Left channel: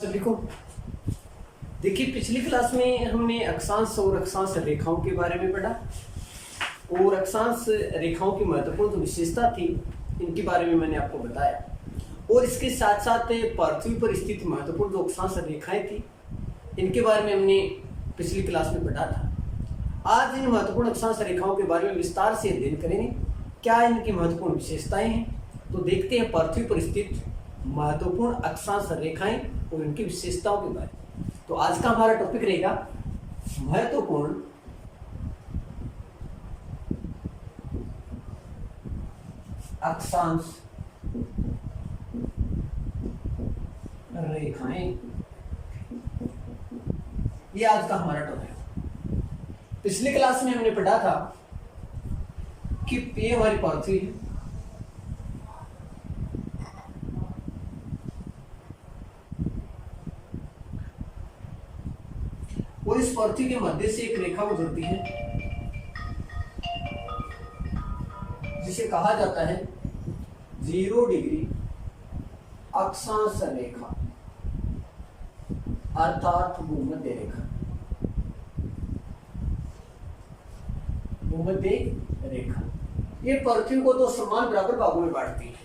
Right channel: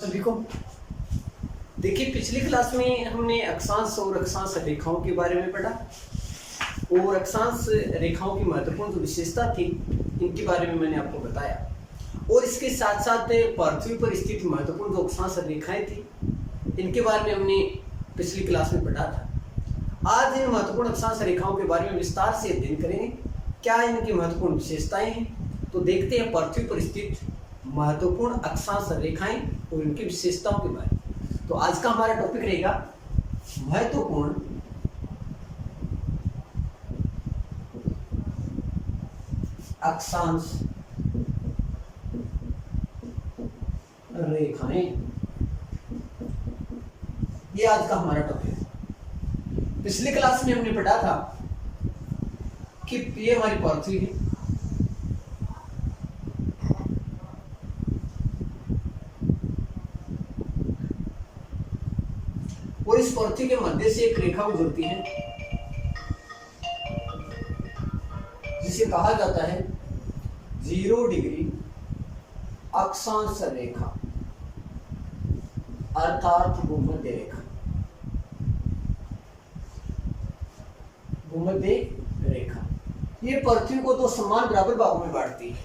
सभी को देखिए, पिछली क्लास में हमने अक्षांश और अक्षांश रेखाओं के बारे में पढ़ा और अक्षांश रेखाओं की महत्वपूर्ण जो विशेषता थी इनके बारे में मैंने आपको बताया और इसके साथ साथ पृथ्वी पर स्थित महत्वपूर्ण जो अक्षांश रेखाएं थी इनके बारे में हमने पिछली क्लास में पढ़ा था। आज इन महत्वपूर्ण अक्षांश रेखाओं के बारे में विस्तार से अध्ययन करेंगे, क्या इनकी महत्वपूर्ण विशेषताएं हैं। तो देखते हैं पृथ्वी पर स्थित महत्वपूर्ण अक्षांश रेखाएं और इनकी विशेषताओं के बारे में। तो आज का हमारा टॉपिक रहेगा महत्वपूर्ण अक्षांश रेखाएं। ये आज का हमारा टॉपिक है। पिछली क्लास में हमने पढ़ा था कि ये हमारी पृथ्वी है और इस पृथ्वी के मध्य से एक रेखा गुजरती है जिसे कहा जाता है 0 डिग्री अक्षांश रेखा अर्थात भूमध्य रेखा। भूमध्य रेखा ये पृथ्वी को दो समान बराबर भागों में बांटती है।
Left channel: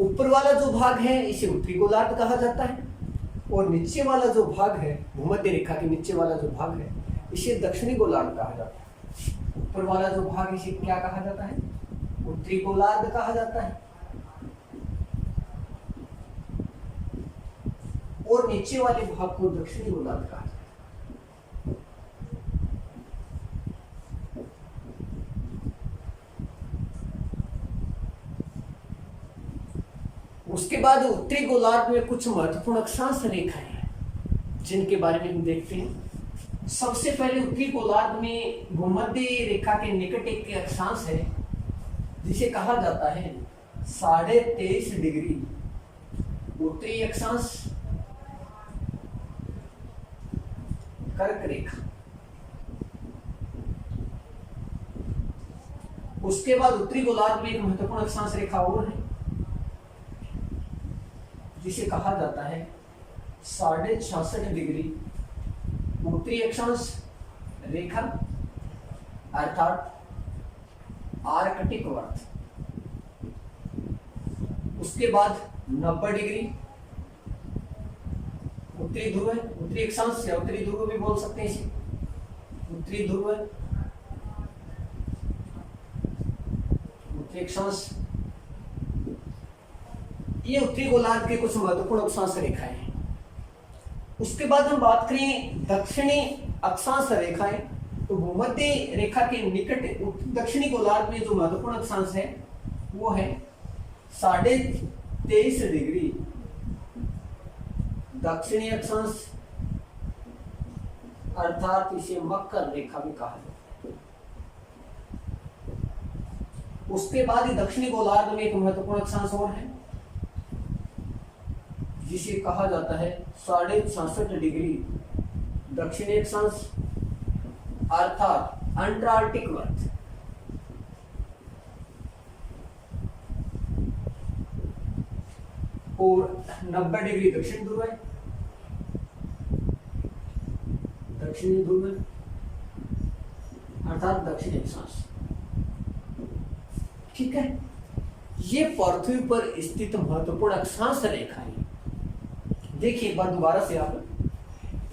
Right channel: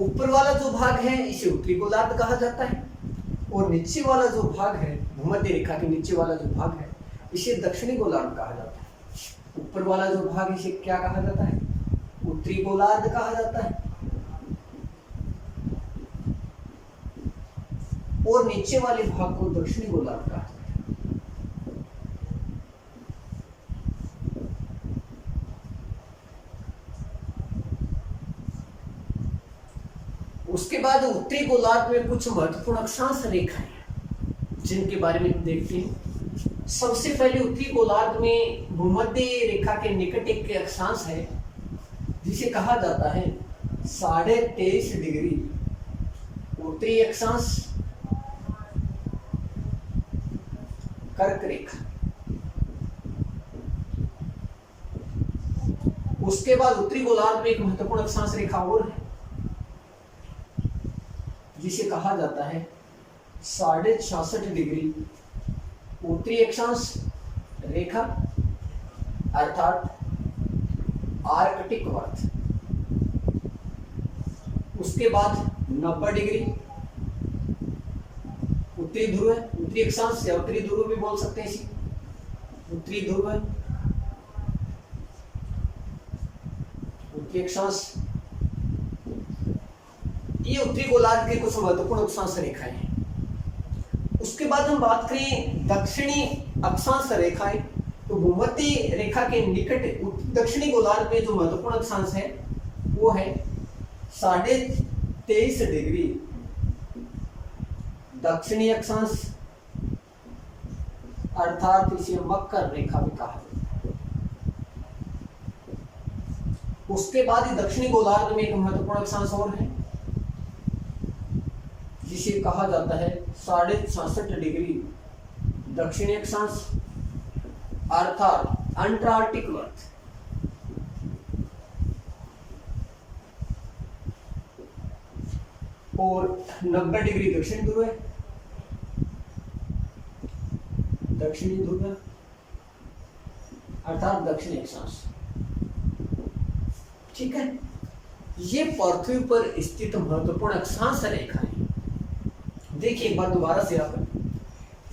ऊपर वाला जो भाग है इसे उत्तरी गोलार्ध कहा जाता है और नीचे वाला जो भाग है भूमध्य रेखा के नीचे वाला जो भाग है इसे दक्षिणी गोलार्ध कहा जाता है। ऊपर वाला जो भाग इसे क्या कहा जाता है? उत्तरी गोलार्ध कहा जाता है और नीचे वाले भाग को दक्षिणी गोलार्ध कहा जाता है। उसके बाद उत्तरी गोलार्ध में कुछ महत्वपूर्ण अक्षांश रेखाएं हैं जिनके बारे में हम देखते हैं। सबसे पहले उत्तरी गोलार्ध में भूमध्य रेखा के निकट एक अक्षांश है जिसे कहा जाता है 23.5 डिग्री उत्तरी अक्षांश कर्क रेखा। उसके बाद उत्तरी गोलार्ध में एक महत्वपूर्ण अक्षांश रेखा और है जिसे कहा जाता है 66.5 डिग्री उत्तरी अक्षांश रेखा अर्थात आर्कटिक वर्त। उसके बाद 90 डिग्री उत्तरी ध्रुव है, उत्तरी अक्षांश या उत्तरी ध्रुव भी बोल सकते हैं इसे, उत्तरी ध्रुव है, उत्तरी अक्षांश। ये उत्तरी गोलार्ध के कुछ महत्वपूर्ण अक्षांश रेखाएं हैं। उसके बाद हम बात करें दक्षिणी अक्षांश रेखाएं, तो भूमध्य रेखा के निकट दक्षिणी गोलार्ध में जो महत्वपूर्ण अक्षांश है वो है 23.5 डिग्री दक्षिणी अक्षांश अर्थात इसे मकर रेखा भी कहा जाता है। उसके बाद ही दक्षिणी गोलार्ध में एक महत्वपूर्ण अक्षांश और है जिसे कहा जाता है 66.5 डिग्री दक्षिणी अक्षांश अर्थात अंटार्कटिक वर्त। और 90 डिग्री दक्षिण ध्रुव है, दक्षिणी ध्रुव है अर्थात दक्षिणी अक्षांश। ठीक है, ये पृथ्वी पर स्थित महत्वपूर्ण अक्षांश रेखाएं। देखिए एक बार दोबारा से आप,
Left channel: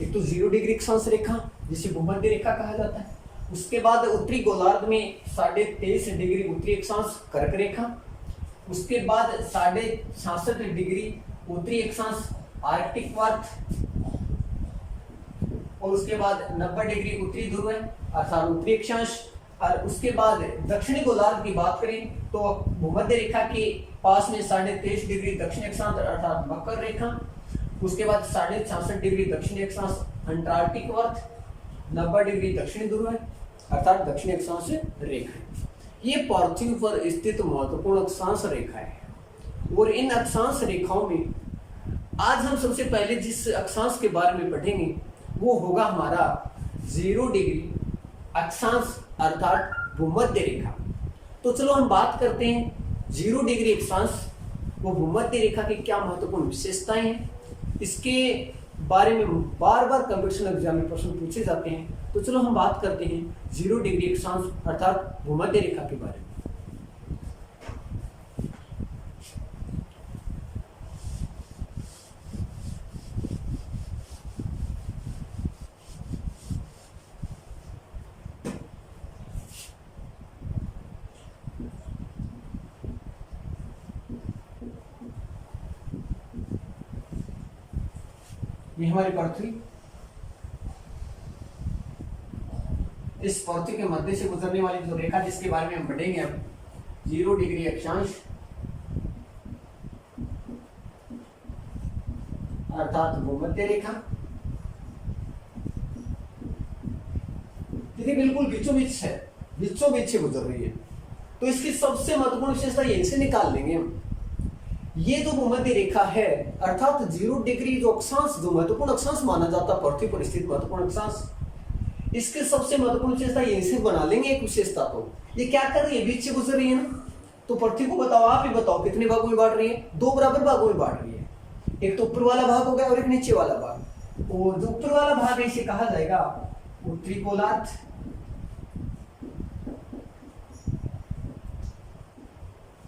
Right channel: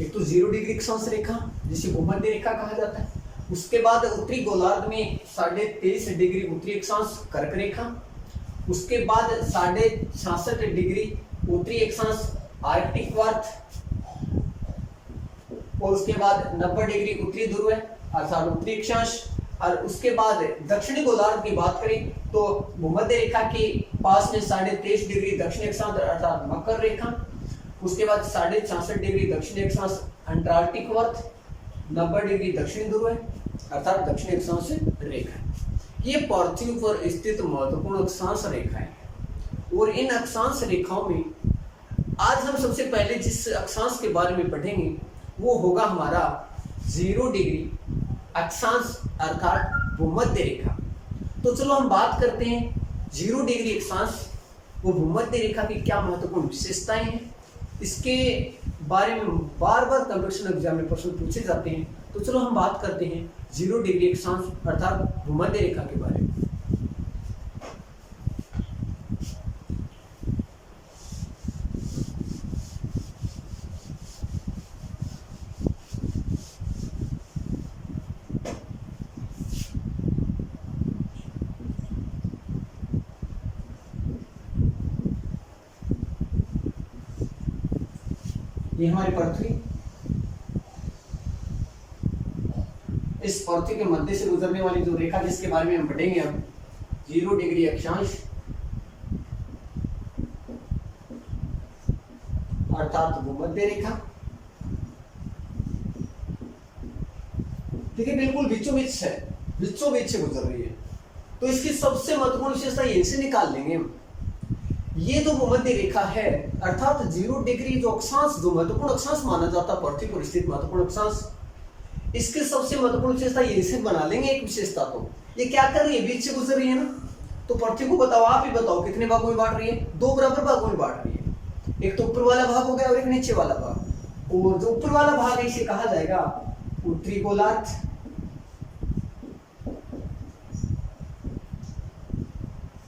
एक तो 0 डिग्री अक्षांश रेखा जिसे भूमध्य रेखा कहा जाता है। उसके बाद उत्तरी गोलार्ध में 23.5 डिग्री उत्तरी अक्षांश कर्क रेखा। उसके बाद 66.5 डिग्री उत्तरी अक्षांश आर्कटिक वर्त और उसके बाद 90 डिग्री उत्तरी ध्रुव है अर्थात उत्तरी अक्षांश। और उसके बाद दक्षिणी गोलार्ध की बात करें तो भूमध्य रेखा के पास में 23.5 डिग्री दक्षिणी अक्षांश अर्थात मकर रेखा। उसके बाद 66.5 डिग्री दक्षिणी अक्षांश अंटार्कटिक वर्त, 90 डिग्री दक्षिणी ध्रुव है अर्थात दक्षिणी अक्षांश रेखा। ये पृथ्वी पर स्थित महत्वपूर्ण अक्षांश रेखाएं हैं और इन अक्षांश रेखाओं में आज हम सबसे पहले जिस अक्षांश के बारे में पढ़ेंगे वो होगा हमारा 0 डिग्री अक्षांश अर्थात भूमध्य रेखा। तो चलो हम बात करते हैं 0 डिग्री अक्षांश वो भूमध्य रेखा की क्या महत्वपूर्ण विशेषताएं हैं इसके बारे में बार बार कंपटीशन एग्जाम में प्रश्न पूछे जाते हैं। तो चलो हम बात करते हैं 0 डिग्री अक्षांश अर्थात भूमध्य रेखा के बारे में। ये हमारी पृथ्वी, इस पृथ्वी के मध्य से गुजरने वाली जो रेखा जिसके बारे में हम पढ़ेंगे अब 0 डिग्री अक्षांश अर्थात भूमध्य रेखा। देखिए बिल्कुल बीचों बीच है, बीचों बीच से गुजर रही है। तो इसकी सबसे महत्वपूर्ण विशेषता यहीं से निकाल लेंगे हम। ये जो भूमध्य रेखा है अर्थात 0 डिग्री जो अक्षांश, जो महत्वपूर्ण अक्षांश माना जाता है पृथ्वी पर स्थित महत्वपूर्ण अक्षांश, इसके सबसे महत्वपूर्ण विशेषता यहीं से बना लेंगे एक विशेषता। तो ये क्या कर रही है, बीच से गुजर रही है ना। तो पृथ्वी को बताओ, आप ही बताओ कितने भागों में बांट रही है? 2 बराबर भागों में बांट रही है। एक तो ऊपर वाला भाग हो गया और एक नीचे वाला भाग। और जो ऊपर वाला भाग है इसे कहा जाएगा उत्तरी गोलार्ध,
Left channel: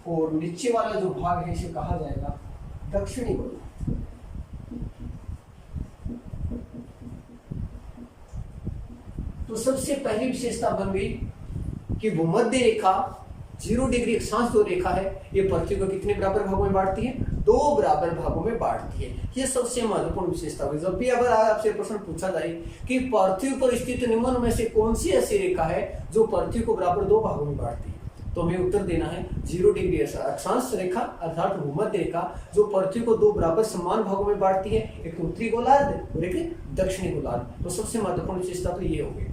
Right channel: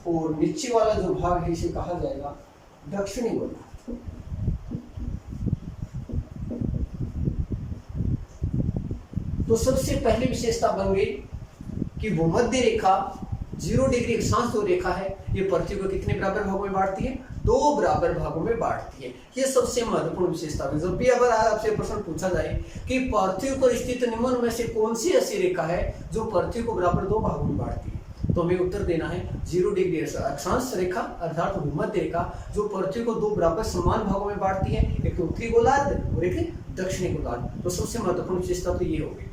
और नीचे वाला जो भाग है इसे कहा जाएगा दक्षिणी गोलार्ध। तो सबसे पहली विशेषता बन गई कि भूमध्य रेखा 0 डिग्री अक्षांश जो रेखा है ये पृथ्वी को कितने बराबर भागों में बांटती है? 2 बराबर भागों में बांटती है। ये सबसे महत्वपूर्ण विशेषता है। जब भी अगर आपसे प्रश्न पूछा जाए कि पृथ्वी पर स्थित निम्न में से कौन सी ऐसी रेखा है जो पृथ्वी को बराबर 2 भागों में बांटती है, तो हमें उत्तर देना है 0 डिग्री अक्षांश रेखा अर्थात भूमध्य रेखा जो पृथ्वी को 2 बराबर समान भागों में बांटती है, एक तो उत्तरी गोलार्ध और एक दक्षिणी गोलार्ध। तो सबसे महत्वपूर्ण विशेषता तो ये होगी।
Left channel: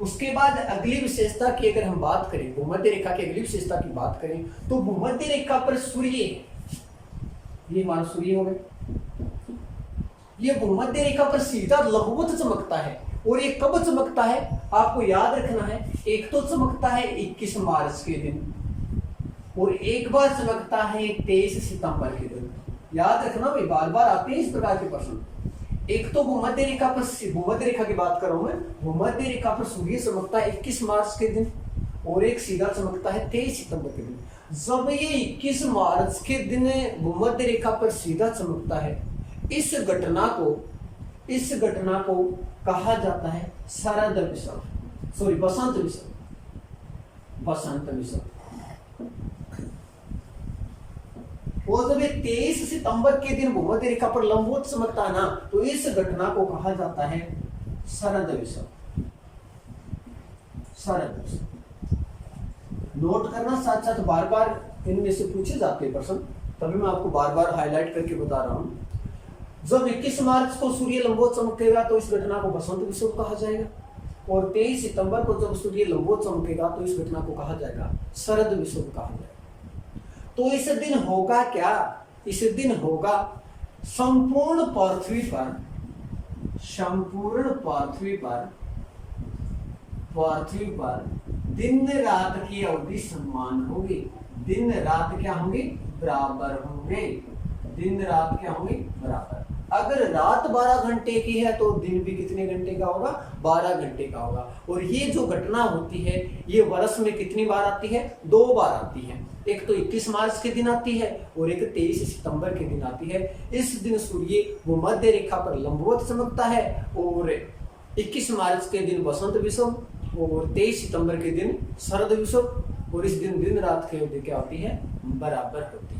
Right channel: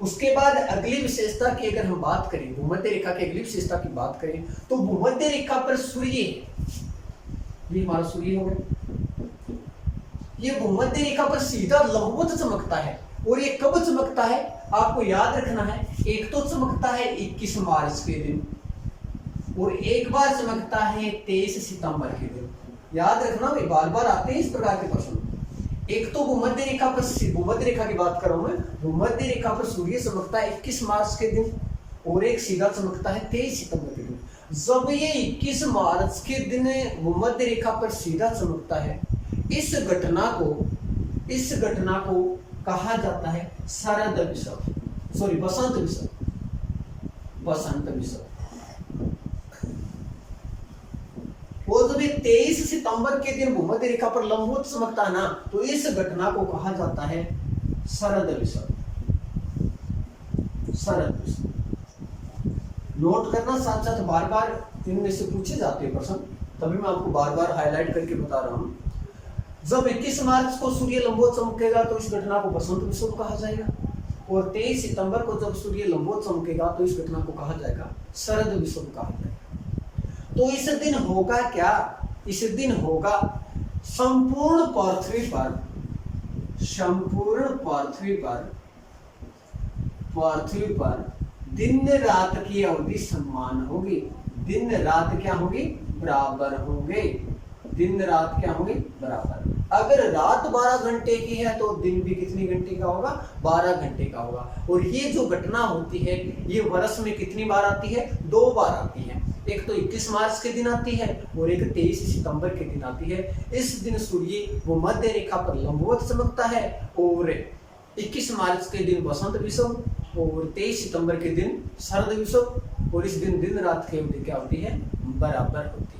उसके बाद अगली विशेषता की अगर हम बात करें, भूमध्य रेखा की अगली विशेषता की बात करें तो भूमध्य रेखा पर सूर्य, ये हमारा सूर्य हो गया, ये भूमध्य रेखा पर सीधा लंबवत चमकता है। और ये कब चमकता है आपको याद रखना है, एक तो चमकता है 21 मार्च के दिन और एक बार चमकता है 23 सितंबर के दिन। याद रखना भाई, बार बार आते हैं इस प्रकार के प्रश्न। एक तो भूमध्य रेखा पर, भूमध्य रेखा की बात कर रहा हूं मैं, भूमध्य रेखा पर सूर्य चमकता है 21 मार्च के दिन और एक सीधा चमकता है 23 सितंबर के दिन। जब ये 21 मार्च के दिन भूमध्य रेखा पर सीधा चमकता है, इस घटना को कहा जाता है शरद विषव, सॉरी बसंत विषव, बसंत विषव। और जब ये 23 सितंबर के दिन भूमध्य रेखा पर लंबवत चमकता है ना, तो इस घटना को कहा जाता है शरद विषव, शरद विषव। नोट करना, साथ साथ बार बार इनमें से पूछे जाते हैं प्रश्न, तभी मैं आपको बार बार हाईलाइट करके बता रहा हूं। जब 21 मार्च को सूर्य लंबवत चमकेगा तो इस घटना को बसंत विषव कहा जाएगा, और 23 सितंबर को जब सूर्य लंबवत चमकेगा तो इस घटना को कहा जाएगा शरद विषव कहा जाएगा। तो इस दिन होगा क्या? इस दिन होगा संपूर्ण पृथ्वी पर, संपूर्ण पृथ्वी पर दिन रात की अवधि समान होगी। दिन रात क्या होंगे? बराबर होंगे। दिन रात क्या होंगे? बराबर। अगर रात 12 घंटे की है तो दिन भी कितने घंटे का होगा? 12 घंटे का होगा। और ये जो घटना होती है ये वर्ष में कितनी बार आती है? 2 बार आती है। एक तो 21 मार्च के दिन आती है और एक 23 सितंबर के दिन आती है। इस दिन सूर्य भूमध्य रेखा पर लंबवत चमकता है और 21 मार्च के दिन बसंत विषव और 23 सितंबर के दिन शरद विषव, और इस दिन दिन रात की अवधि क्या होती है? बराबर होती है।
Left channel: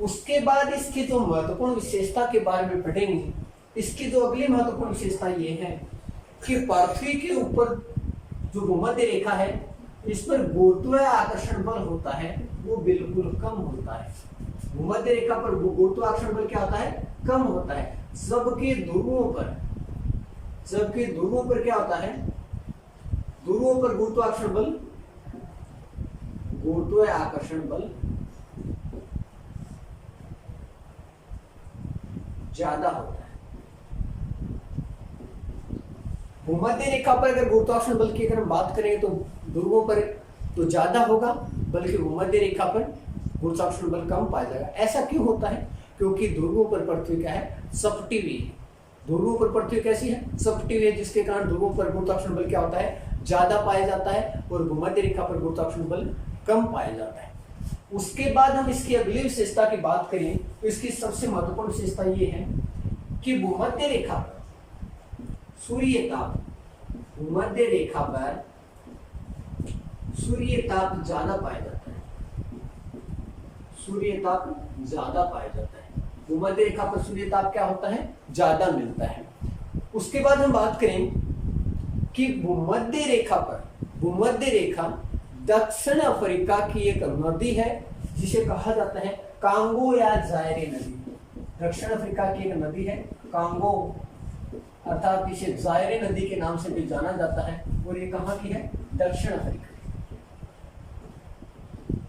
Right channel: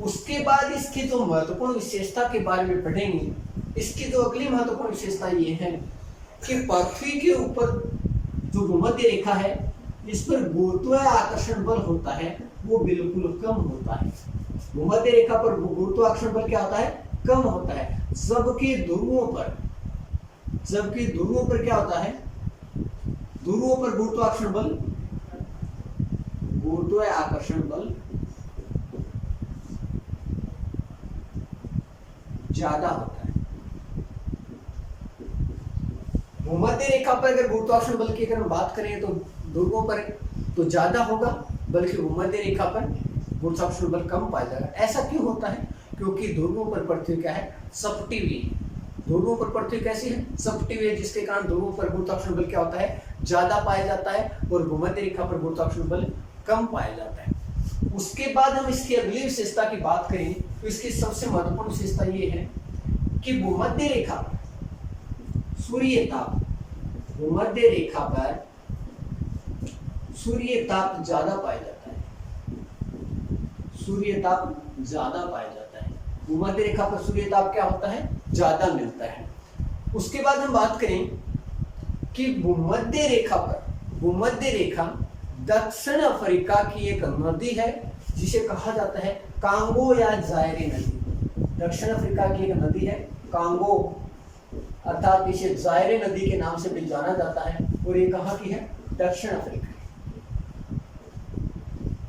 उसके बाद इसकी जो महत्वपूर्ण विशेषता के बारे में पढ़ेंगे, इसकी जो अगली महत्वपूर्ण विशेषता ये है कि पृथ्वी के ऊपर जो भूमध्य रेखा है इस पर गुरुत्वाकर्षण बल होता है वो बिल्कुल कम होता है। भूमध्य रेखा पर गुरुत्वाकर्षण बल क्या होता है? कम होता है। जबकि ध्रुवों पर क्या होता है? ध्रुवों पर गुरुत्वाकर्षण बल ज्यादा होता है। भूमध्य रेखा पर अगर गुरुत्वाकर्षण बल की अगर हम बात करें तो ध्रुवों पर तो ज्यादा होगा, बल्कि भूमध्य रेखा पर गुरुत्वाकर्षण बल कम पाया जाएगा। ऐसा क्यों होता है? क्योंकि ध्रुवों पर पृथ्वी क्या है? सपटी हुई है। ध्रुवों पर पृथ्वी कैसी है? सपटी हुई है, जिसके कारण ध्रुवों पर गुरुत्वाकर्षण बल क्या होता है? ज्यादा पाया जाता है, और भूमध्य रेखा पर गुरुत्वाकर्षण बल कम पाया जाता है। उसके बाद हम इसकी अगली विशेषता की बात करें तो इसकी सबसे महत्वपूर्ण विशेषता ये है कि भूमध्य रेखा पर सूर्य ताप, भूमध्य रेखा पर सूर्य ताप ज्यादा पाया जाता है, सूर्य ताप ज्यादा पाया जाता है। भूमध्य रेखा पर सूर्य ताप क्या होता है? ज्यादा मिलता है। उसके बाद हम बात करें कि भूमध्य रेखा पर, भूमध्य रेखा दक्षिण अफ्रीका की एक नदी है जिसे कहा जाता है कांगो या जायरे नदी। दक्षिण अफ्रीका की एक नदी है कांगो, अर्थात इसे जायरे नदी के नाम से भी जाना जाता है, और ये कहाँ की है? दक्षिण अफ्रीका।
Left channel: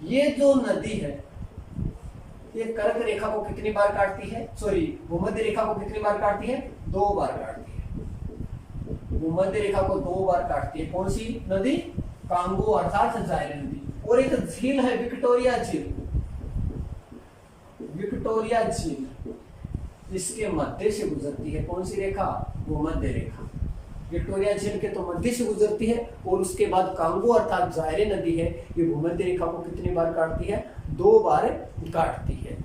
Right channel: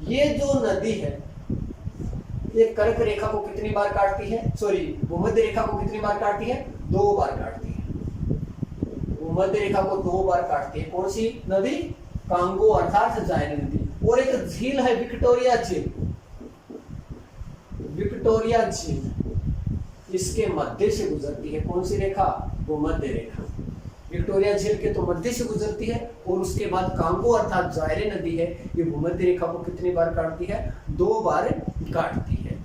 ये जो नदी है ये कर्क रेखा को कितनी बार काटती है? सॉरी, भूमध्य रेखा को कितनी बार काटती है? 2 बार काटती है। भूमध्य रेखा को 2 बार काटती है। कौन सी नदी? कांगो अर्थात जायरे नदी। और एक झील है विक्टोरिया झील, विक्टोरिया झील इसके मध्य से गुजरती है। कौन सी रेखा? भूमध्य रेखा। विक्टोरिया झील के तो मध्य से गुजरती है, और उसके बाद कांगो अर्थात जायरे नदी है, ये भूमध्य रेखा को कितनी बार काटती है? 2 बार काटती है।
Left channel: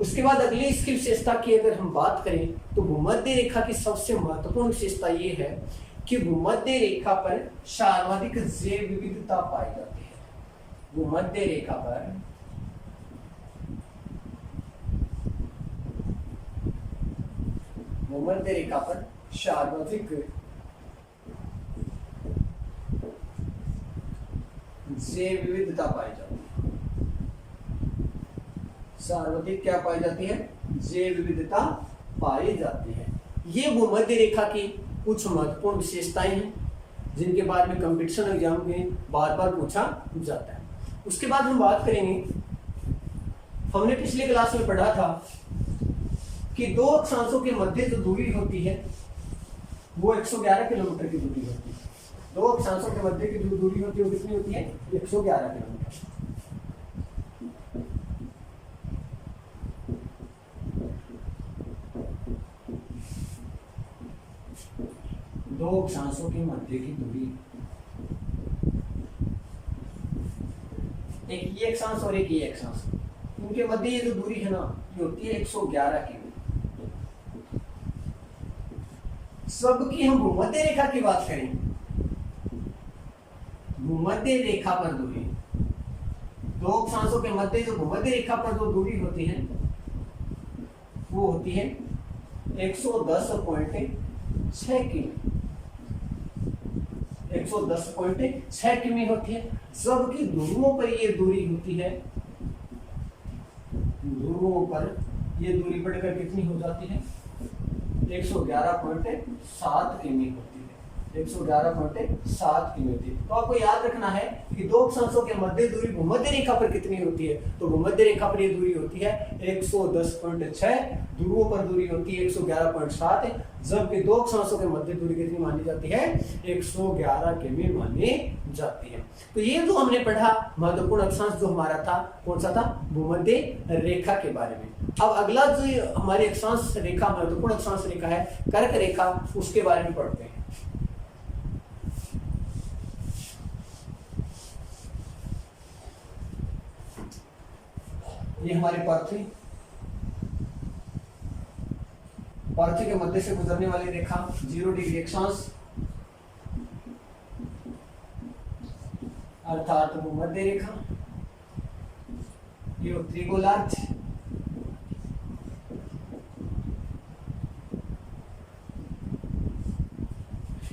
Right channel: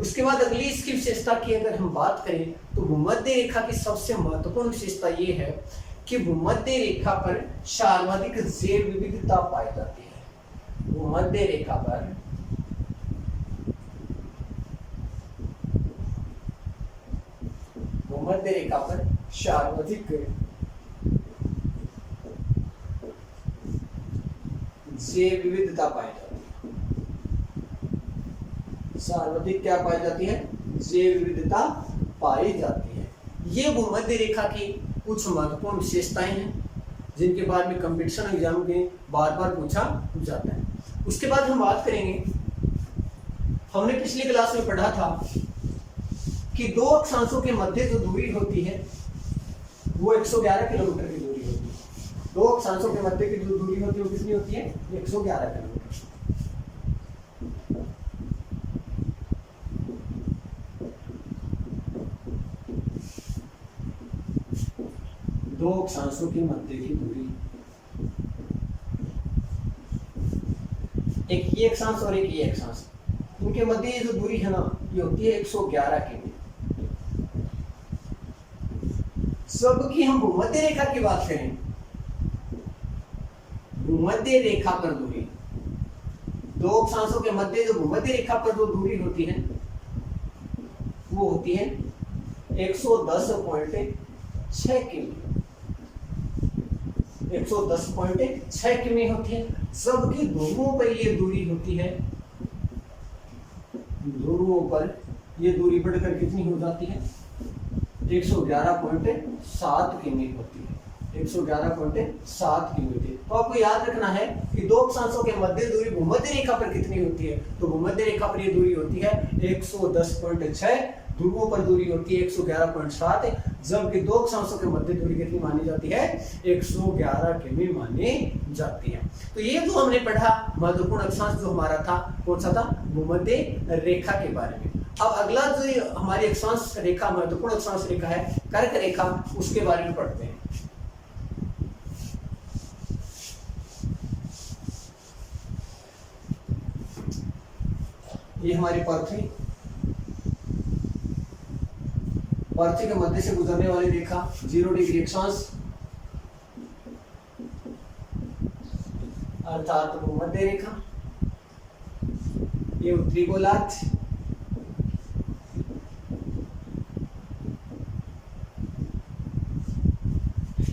उसके बाद अगली इसकी विशेषता की अगर हम बात करें तो भूमध्य रेखा की सबसे महत्वपूर्ण विशेषता ये है कि भूमध्य रेखा पर सर्वाधिक जैव विविधता पाई जाती है। भूमध्य रेखा पर भूमध्य रेखा पर सर्वाधिक जैव विविधता पाई जाती है। सर्वाधिक क्या पाई जाती है? जैव विविधता पाई जाती है। ये भूमध्य रेखा की कुछ महत्वपूर्ण विशेषताएं हैं जिनके बाद में कंपटीशन एग्जाम में बार बार पूछा जाता है। उसके बाद हम बात करेंगे, हमने पिछली क्लास में पढ़ा था कि 2 अक्षांशों के मध्य जो दूरी होती है वो 111 किलोमीटर की दूरी होती है। 2 अक्षांशों के मध्य की जो दूरी होती है वो कितनी होती है? 111 किलोमीटर। दो अक्षांशों के मध्य की दूरी, एक ये अक्षांश और एक ये अक्षांश, इनके मध्य ये जो दूरी है ना ये होती है 111 किलोमीटर। सबकी हम भूमध्य रेखा की बात करें, भूमध्य रेखा पर दूरी, 2 अक्षांशों के मध्य जो भूमध्य रेखा पर जो दूरी होती है वो होती है 110.6 किमी, 110.6 किमी होती है। सबकी ध्रुवों पर ये दूरी होती है, ध्रुवों पर ये दूरी बढ़कर कितनी हो जाती है? 111.7 किमी होती है, 111.7 किमी होती है। तो आपको याद रखना है कि 2 अक्षांशों के मध्य दूरी भूमध्य रेखा पर कितनी होती है? तो भूमध्य रेखा पर ये दूरी होती है 110.6, ध्रुवों पर दूरी होती है 111.7, जबकि 2 अक्षांशों के मध्य दूरी कितनी मानी जाती है? 111 किमी मानी जाती है। तो ये जो हमने पढ़ा महत्वपूर्ण अक्षांश जो हमारा था, कौन सा था? भूमध्य रेखा के बारे में। अब अगला जो हमारी अक्षांश रेखा, महत्वपूर्ण अक्षांश रेखा है कर्क रेखा, उसके बारे में पढ़ते हैं। ये हमारी पृथ्वी, पृथ्वी के मध्य से गुजरने वाली रेखा 0 डिग्री अक्षांश अर्थात भूमध्य रेखा। ये उत्तरी गोलार्ध,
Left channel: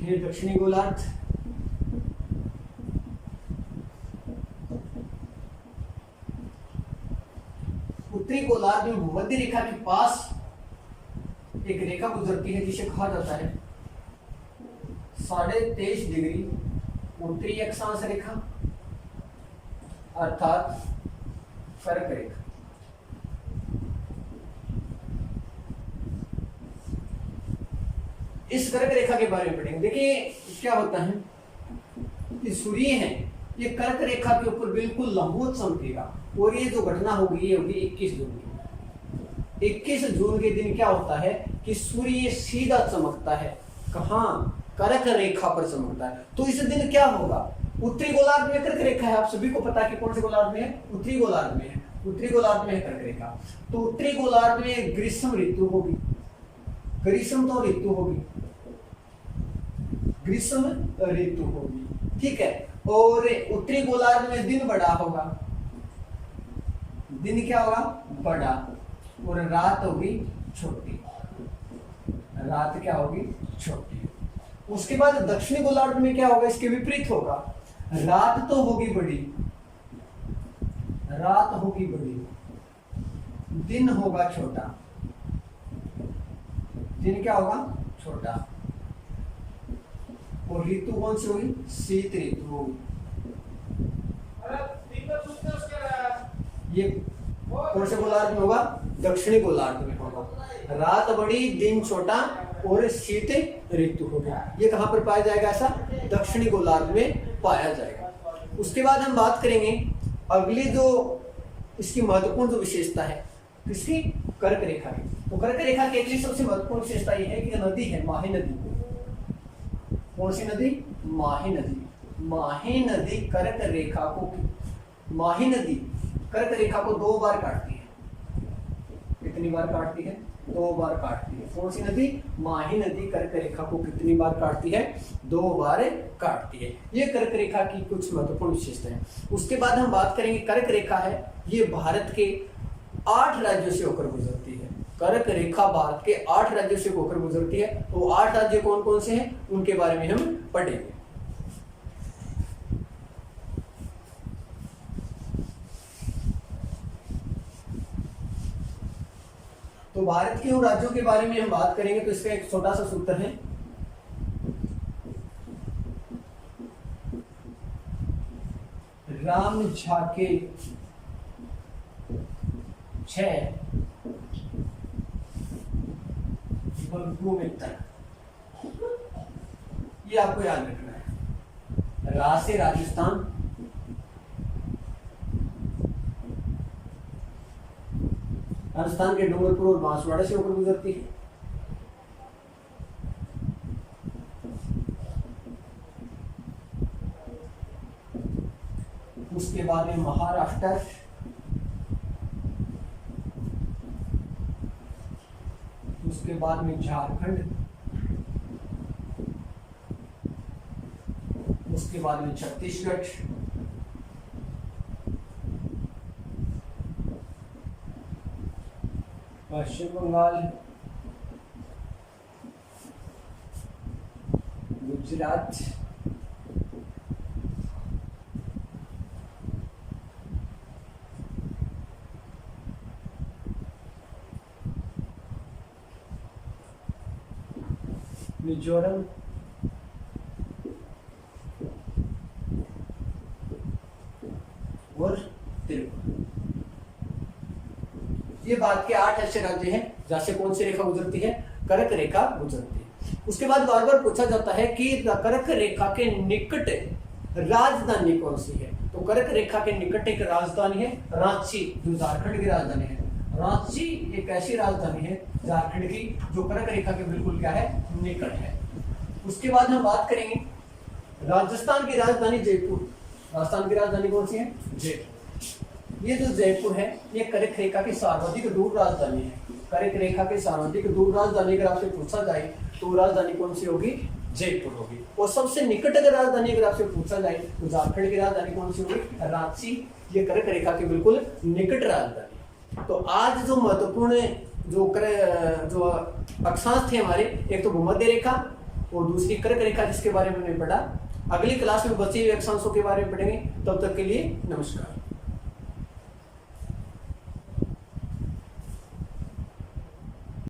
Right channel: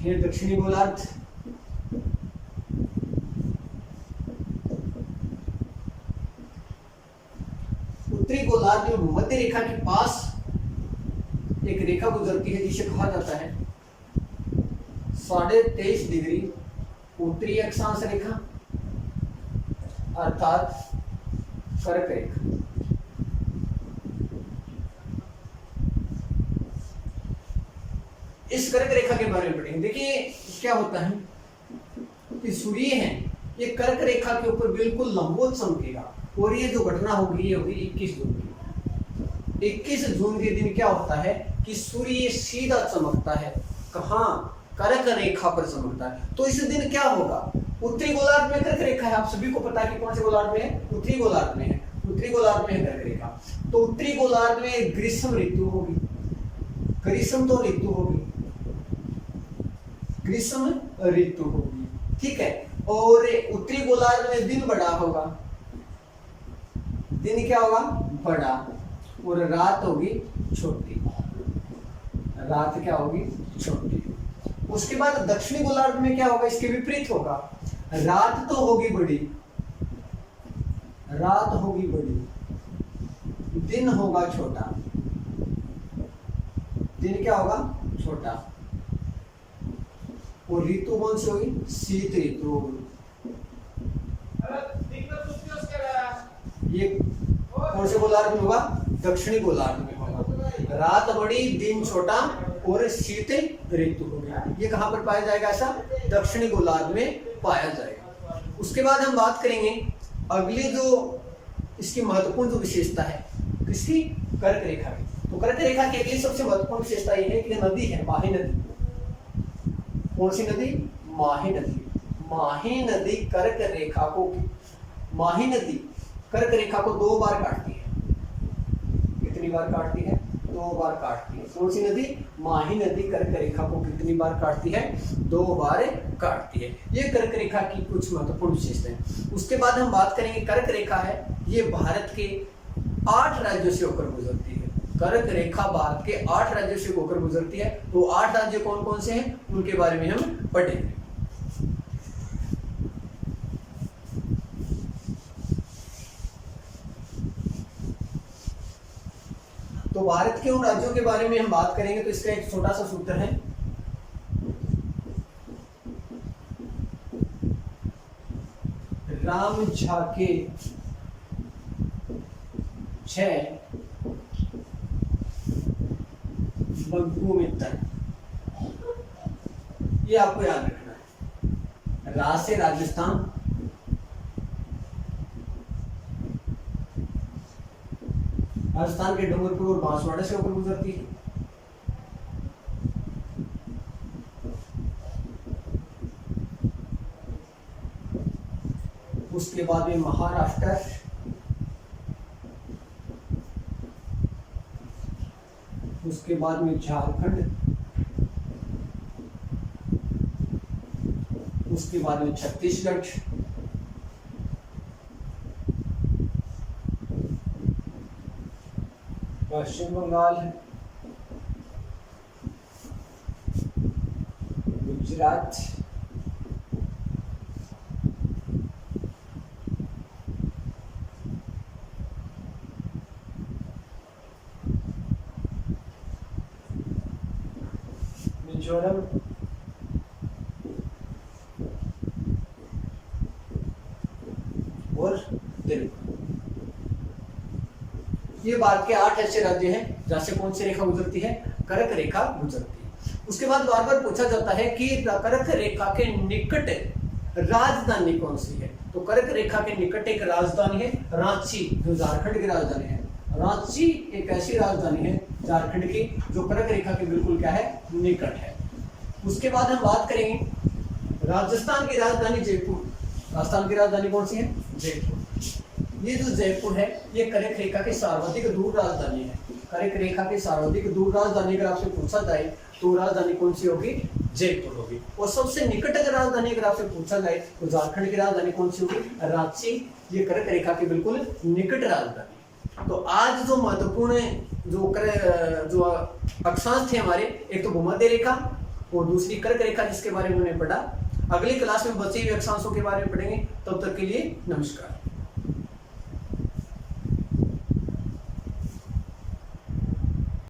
ये दक्षिणी गोलार्ध, उत्तरी गोलार्ध में भूमध्य रेखा के पास एक रेखा गुजरती है जिसे कहा जाता है 23.5 डिग्री उत्तरी अक्षांश रेखा अर्थात कर्क रेखा। इस कर्क रेखा के बारे में पढ़ेंगे। देखिए क्या होता है कि सूर्य है ये कर्क रेखा के ऊपर बिल्कुल लंबवत चमकेगा, और ये जो घटना होगी ये होगी 21 जून की। 21 जून के दिन क्या होता है कि सूर्य सीधा चमकता है, कहाँ, कर्क रेखा पर चमकता है। तो इस दिन क्या होगा, उत्तरी गोलार्ध में कर्क रेखा है, आप सभी को पता है कि कौन से गोलार्ध में है, उत्तरी गोलार्ध में है, उत्तरी गोलार्ध में है कर्क रेखा। तो उत्तरी गोलार्ध में ग्रीष्म ऋतु होगी, ग्रीष्म तो ऋतु होगी, ग्रीष्म ऋतु होगी, ठीक है। और उत्तरी गोलार्ध में दिन बड़ा होगा, दिन क्या होगा, बड़ा, और रात होगी छोटी, रात क्या होगी, छोटी। उसके बाद दक्षिणी गोलार्ध में क्या होगा, इसके विपरीत होगा, रात तो होगी बड़ी, रात होगी बड़ी, दिन होगा छोटा, दिन क्या होगा, छोटा। और ऋतु कौन सी होगी, शीत ऋतु होगी। ये कौन से गोलार्ध में होगा, दक्षिणी गोलार्ध में होगा, रात बड़ी दिन छोटा और शीत ऋतु होगा। ये कहां पर पाया जाएगा, ऐसा दक्षिणी गोलार्ध में पाया जाएगा। उसके बाद हम बात करेंगे अगली जो इसकी महत्वपूर्ण जो विशेषता है, किसकी, कर्क रेखा की। तो कर्क रेखा की अगली सबसे महत्वपूर्ण विशेषता ये है कि नदी है माही नदी। कौन सी नदी, माही नदी। माही नदी कर्क रेखा को, माही नदी कर्क रेखा को 2 बार काटती है। कितनी बार काटती है, 2 बार काटती है। कौन सी नदी, माही नदी कर्क रेखा को कितनी बार काटती है, 2 बार काटती है। ये कर्क रेखा की कुछ महत्वपूर्ण विशेषताएं हैं। उसके बाद हम बात करेंगे, कर्क रेखा है ये भारत के 8 राज्यों से होकर गुजरती है। कर्क रेखा भारत के 8 राज्यों से होकर गुजरती है। तो 8 राज्य कौन कौन से हैं, उनके बारे में हम पढ़ेंगे। तो भारत के उन राज्यों के बारे में हम बात करेंगे। तो इसका एक छोटा सा सूत्र है, राम झाके 6 बग्गू मित्र, ये आपको याद रखना है। रा से राजस्थान, राजस्थान के डूंगरपुर और बांसवाड़ा से होकर गुजरती है। उसके बाद में महाराष्ट्र, उसके बाद में झारखंड, उसके बाद में छत्तीसगढ़, पश्चिम बंगाल, गुजरात, मिजोरम, और त्रिपुरा। ये भारत के 8 ऐसे राज्य हैं जहां से कौन सी रेखा गुजरती है, कर्क रेखा गुजरती है। उसके बाद बार बार पूछा जाता है कि कर्क रेखा के निकट राजधानी कौन सी है। तो कर्क रेखा के निकट एक राजधानी है रांची, जो झारखंड की राजधानी है। रांची एक ऐसी राजधानी है झारखंड की जो कर्क रेखा के बिल्कुल क्या है, निकट है। उसके बाद हम बात करेंगे राजस्थान की राजधानी जयपुर। राजस्थान की राजधानी कौन सी है, जयपुर। ये जो जयपुर है ये कर्क रेखा की सर्वाधिक दूर राजधानी है। कर्क रेखा की सर्वाधिक दूर राजधानी अगर आपसे पूछा जाए तो राजधानी कौन सी होगी, जयपुर होगी। और सबसे निकट अगर राजधानी अगर आपसे पूछा जाए तो झारखंड की राजधानी कौन सी होगी, रांची। ये कर्क रेखा की बिल्कुल निकट राजधानी। तो आज जो महत्वपूर्ण जो अक्षांश थे हमारे, एक तो भूमध्य रेखा और दूसरी कर्क रेखा जिसके बारे में हमने पढ़ा। अगली क्लास में बचे हुए अक्षांशों के बारे में पढ़ेंगे। तब तक के लिए नमस्कार।